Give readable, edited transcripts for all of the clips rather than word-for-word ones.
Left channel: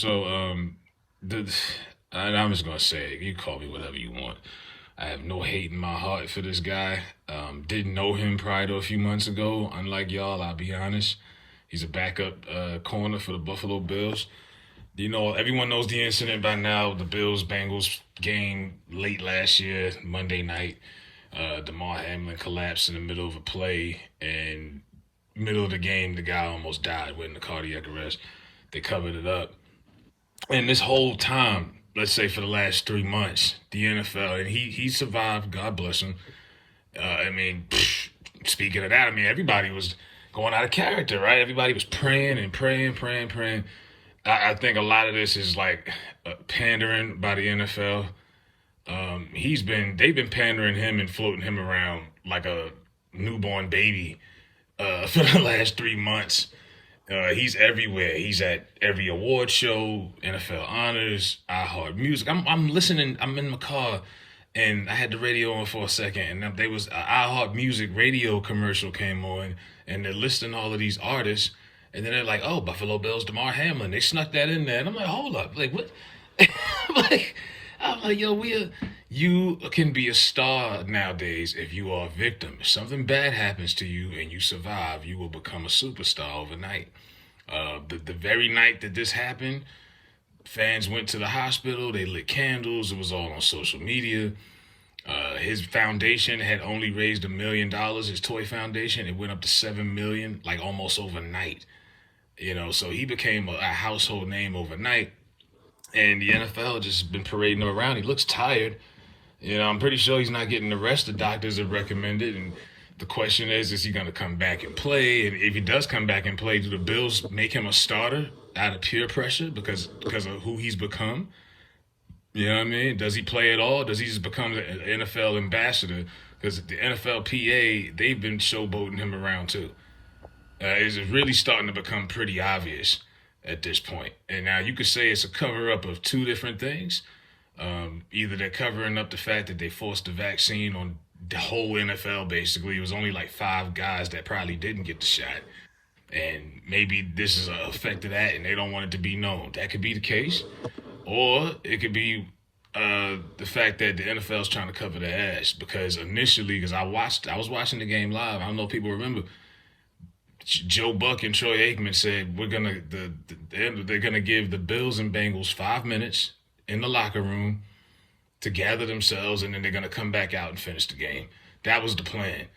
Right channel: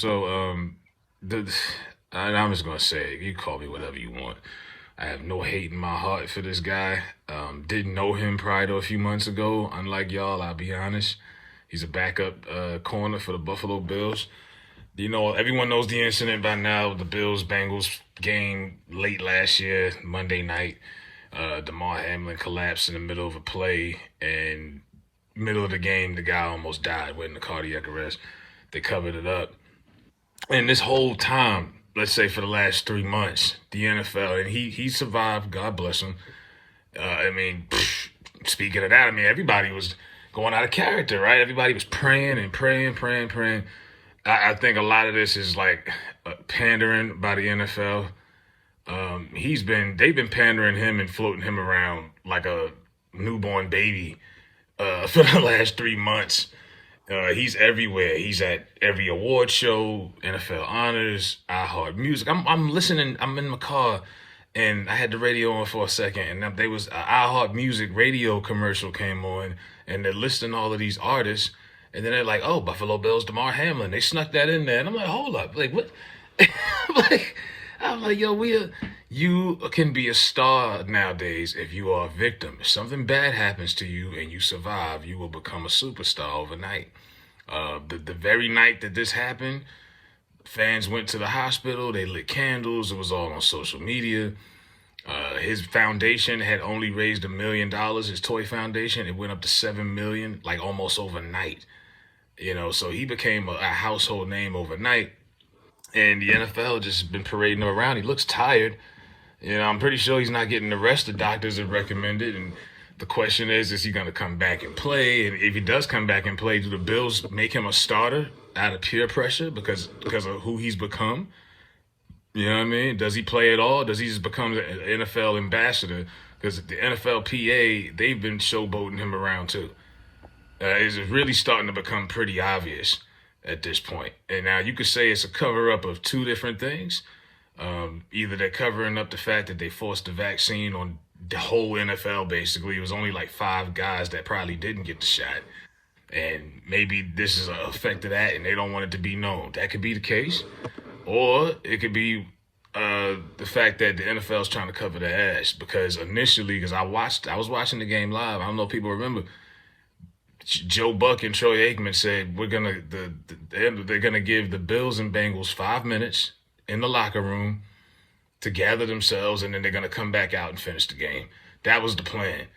the, and I'm just gonna say, you call me whatever you want. I have no hate in my heart for this guy. Didn't know him prior to a few months ago. Unlike y'all, I'll be honest. He's a backup corner for the Buffalo Bills. You know, everyone knows the incident by now. The Bills Bengals game late last year, Monday night. Demar Hamlin collapsed in the middle of a play, and middle of the game, the guy almost died, went into cardiac arrest. They covered it up. And this whole time, let's say for the last 3 months, the NFL, and he survived, God bless him. Speaking of that, everybody was going out of character, right? Everybody was praying and praying. I think a lot of this is like pandering by the NFL. They've been pandering him and floating him around like a newborn baby for the last 3 months. He's everywhere. He's at every award show, NFL honors, iHeart Music. I'm listening. I'm in my car, and I had the radio on for a second, and there was an iHeart Music radio commercial came on, and they're listing all of these artists, and then they're like, "Oh, Buffalo Bills, Demar Hamlin." They snuck that in there, and I'm like, "Hold up, like what?" I'm like, "Yo, you can be a star nowadays if you are a victim. If something bad happens to you and you survive, you will become a superstar overnight." The very night that this happened, fans went to the hospital. They lit candles. It was all on social media. His foundation had only raised $1 million. His toy foundation, it went up to 7 million, like almost overnight. So he became a household name overnight. And the NFL just been parading him around. He looks tired. I'm pretty sure he's not getting the rest the doctors have recommended. And the question is he going to come back and play? And if he does come back and play, do the Bills make him a starter out of peer pressure because of who he's become? You know what I mean? Does he play at all? Does he just become an NFL ambassador? Because the NFLPA, they've been showboating him around too. It's really starting to become pretty obvious at this point. And now you could say it's a cover-up of two different things. Either they're covering up the fact that they forced the vaccine on the whole NFL, basically. It was only like 5 guys that probably didn't get the shot. And maybe this is an effect of that and they don't want it to be known. That could be the case. Or it could be the fact that the NFL is trying to cover their ass. Because initially, because I was watching the game live. I don't know if people remember. Joe Buck and Troy Aikman said they're gonna give the Bills and Bengals 5 minutes in the locker room to gather themselves, and then they're gonna come back out and finish the game. That was the plan.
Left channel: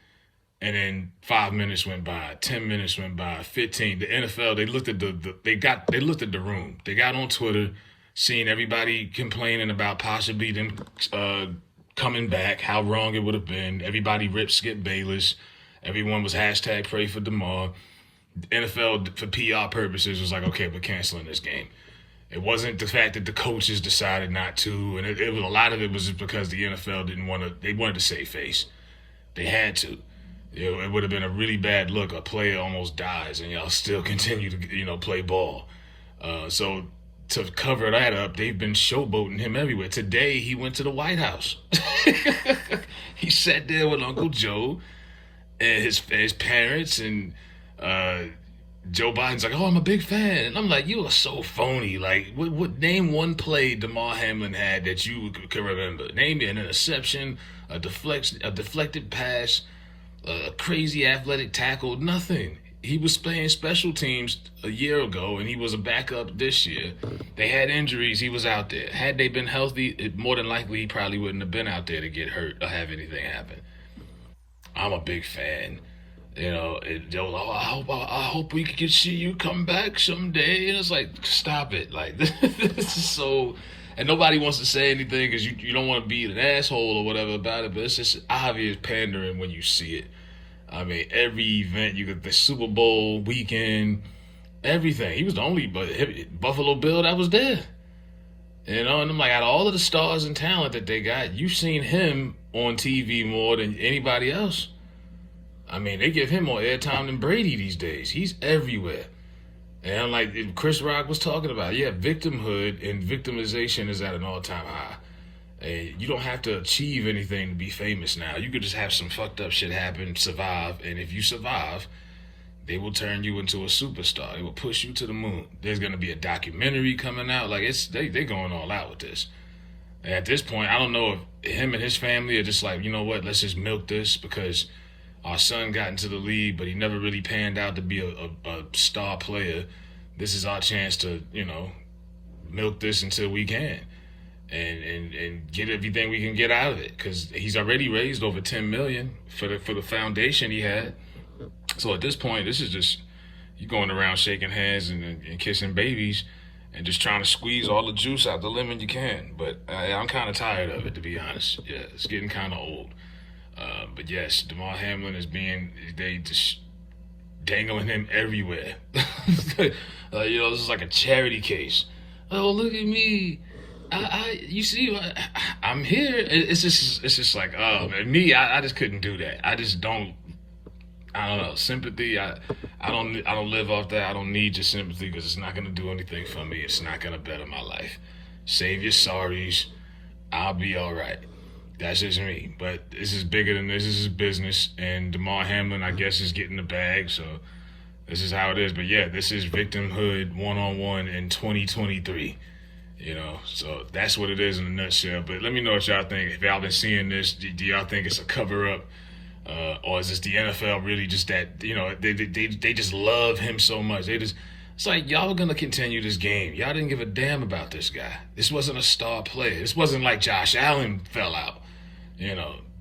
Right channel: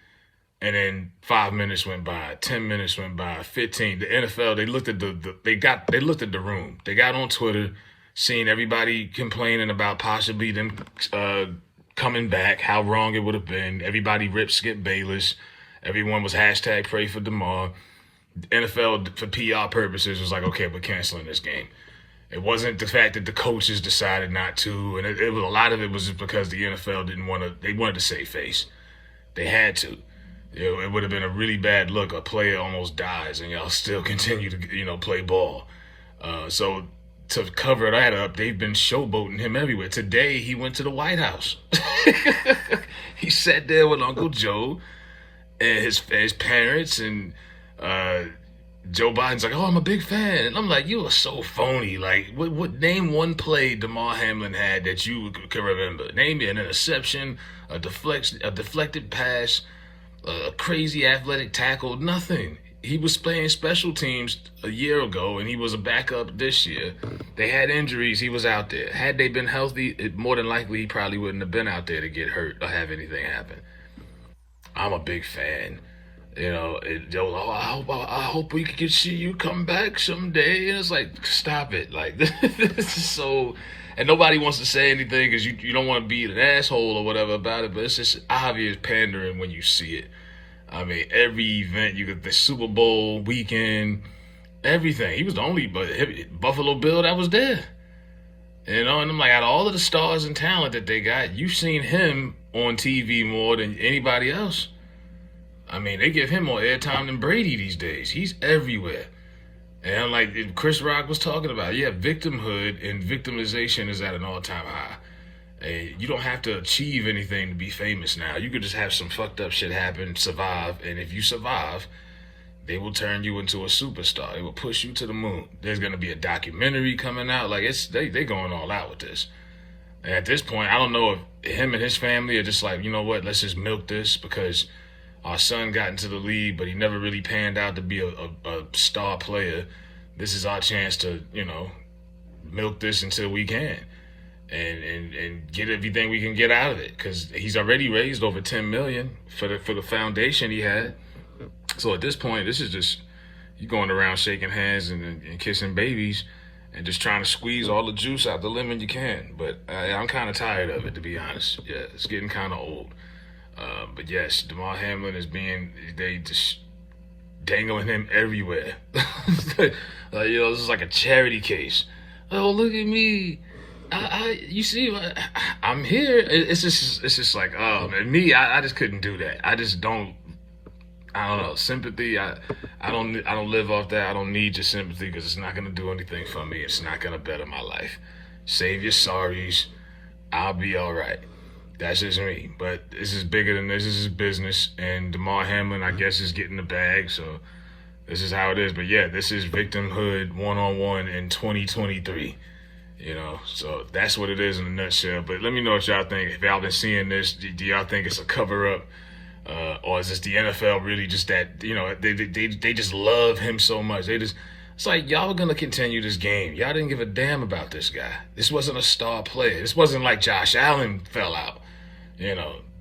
And then 5 minutes went by, 10 minutes went by, 15. The NFL, they looked at they looked at the room. They got on Twitter, seeing everybody complaining about possibly them coming back, how wrong it would have been. Everybody ripped Skip Bayless. Everyone was hashtag pray for Demar. The NFL, for PR purposes, was like, okay, we're canceling this game. It wasn't the fact that the coaches decided not to, and it was a lot of it was just because the NFL they wanted to save face. They had to. It would have been a really bad look. A player almost dies, and y'all still continue to, play ball. So to cover that up, they've been showboating him everywhere. Today, he went to the White House. He sat there with Uncle Joe and his parents, and Joe Biden's like, "Oh, I'm a big fan," and I'm like, "You are so phony." Like, what? Name one play Demar Hamlin had that you can remember. Name me an interception, a deflected pass, a crazy athletic tackle. Nothing. He was playing special teams a year ago, and he was a backup this year. They had injuries. He was out there. Had they been healthy, more than likely he probably wouldn't have been out there to get hurt or have anything happen. I'm a big fan. I hope we could see you come back someday. And it's like, stop it. Like, this is so... And nobody wants to say anything because you don't want to be an asshole or whatever about it, but it's just obvious pandering when you see it. Every event, you got the Super Bowl weekend, everything. He was the only Buffalo Bill that was there. And I'm like, out of all of the stars and talent that they got, you've seen him on TV more than anybody else. They give him more airtime than Brady these days. He's everywhere. And like Chris Rock was talking about, victimhood and victimization is at an all-time high. And you don't have to achieve anything to be famous now. You could just have some fucked up shit happen, survive, and if you survive, they will turn you into a superstar. They will push you to the moon. There's gonna be a documentary coming out. Like they going all out with this. And at this point, I don't know if him and his family are just like, you know what, let's just milk this because our son got into the league, but he never really panned out to be a star player. This is our chance to, milk this until we can. And get everything we can get out of it, because he's already raised over $10 million for the foundation he had. So at this point, this is just you going around shaking hands and kissing babies and just trying to squeeze all the juice out the lemon you can. But I'm kind of tired of it, to be honest. Yeah, it's getting kind of old. But yes, Demar Hamlin they just dangling him everywhere. This is like a charity case. Oh, look at me. You see, I'm here. It's just like, oh man, I just couldn't do that. I don't know, sympathy. I don't live off that. I don't need your sympathy because it's not gonna do anything for me. It's not gonna better my life. Save your sorries. I'll be all right. That's just me. But this is bigger than this. This is business, and Demar Hamlin, I guess, is getting the bag. So this is how it is. But yeah, this is victimhood 101 in 2023. So that's what it is in a nutshell. But let me know what y'all think. If y'all been seeing this, do y'all think it's a cover up, or is this the NFL really just that they just love him so much? It's like y'all were gonna continue this game. Y'all didn't give a damn about this guy. This wasn't a star player. This wasn't like Josh Allen fell out.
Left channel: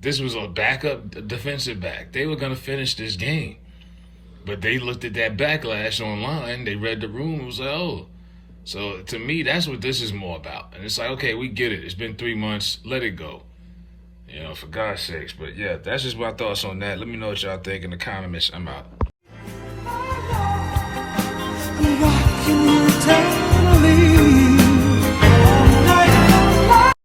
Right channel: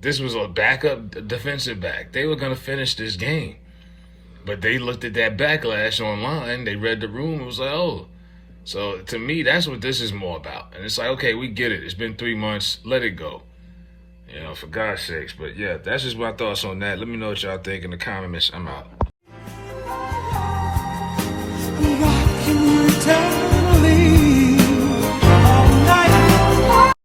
This was a backup defensive back. They were gonna finish this game, but they looked at that backlash online. They read the room. It was like, oh. So to me, that's what this is more about. And it's like, okay, we get it. It's been 3 months. Let it go. For God's sakes. But yeah, that's just my thoughts on that. Let me know what y'all think in the comments. I'm out.